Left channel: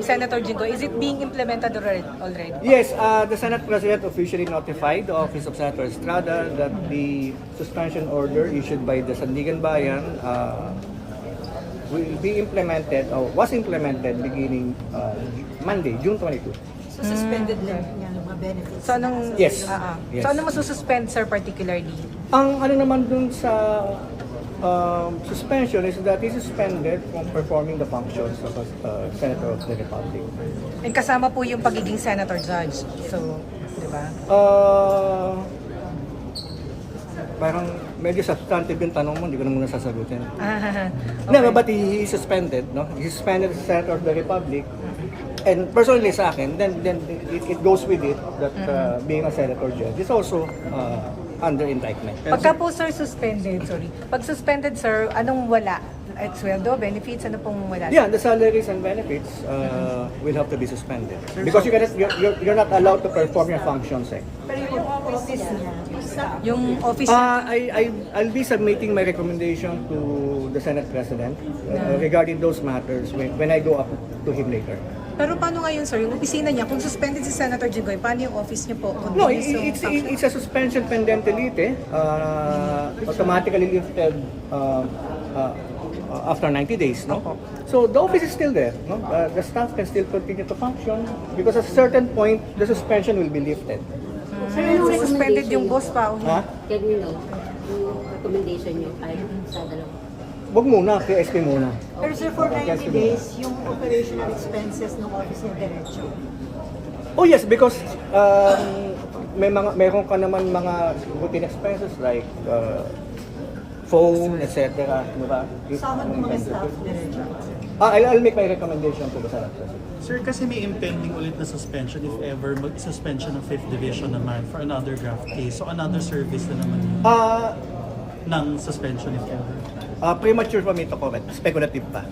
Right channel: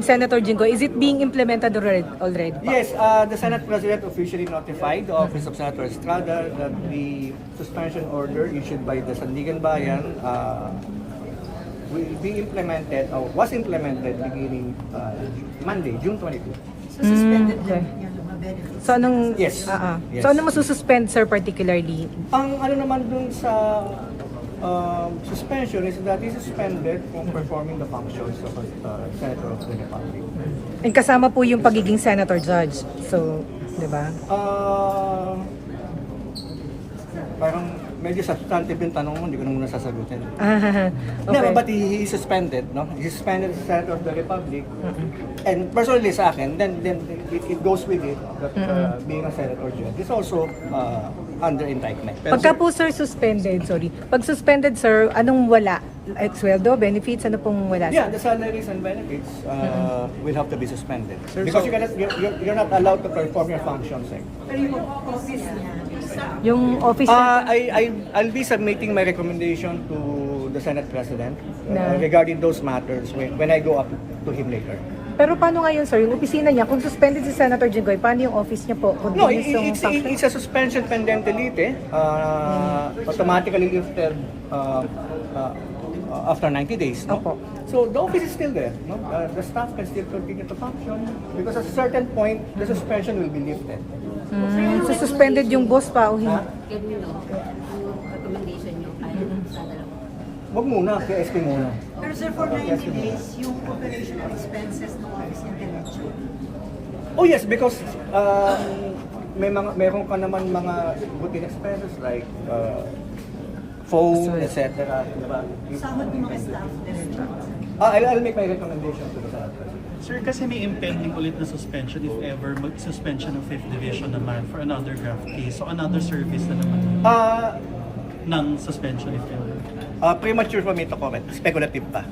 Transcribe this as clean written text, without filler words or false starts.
Senator Jinggoy, is it being implemented already? Yes, the Senate President officially notified the Office of Senator Estrada that the suspension order issued by the Sandigan Bayan will be implemented or was implemented beginning Monday, June 22. So suspended din yan ang mga benefits. So anong Yes. Yes. So anong masususpend, sir, particularly? Ang ano naman dun sa suspension is that he suspended from performing the functions of a Senator of the Republic. And kasama po yung pagiging senator judge. So, di ba? Parang medyo substantive yung tanong mo, hindi ko na muna sasagutin. Okay. No, but he is suspended, no? He is suspended as Senator of the Republic. And personally sa akin, then it goes with it that being a senator judge is also under indictment. Pagka po, sir, Pag suspended, sir, anong wala? At sweldo, benefits, ano pong wala? Yeah, the salaries and benefits will have to be suspended because you're not allowed to perform your functions. Pero yung office niya, Yung office I'll be submitting my recommendation to the Senate President regarding those matters when I go up to him later. Pero paano ngayon, sir, yung opisina niya, kung suspended si Senator Jinggoy, paano yung office niya po? No, it's a suspension pendente lite, automatically lifted after 90 days, no? So the office is still there, no? The staff can still continue to function because at a certain point the suspension will be lifted. So suspended yung boss pa. Ha? Can you know, yung recommendation nyo ay sa dalawa? Wag muna, KSP muna. pero sir, for 90 days, yung operational expenses ng office niya diretso. Oh yes, because meron ka naman mga routine expenses like phone, etc. Diba? Sahod ng mga staff diretso. I'll make my recommendation to the Senate President. Sir, kasi may impending ulit na suspension if ever mag-suspension ng 5th Division naman for another graft case. So another service na naman yun ng suspension if ever. Premature for me to comment. Speculative pa.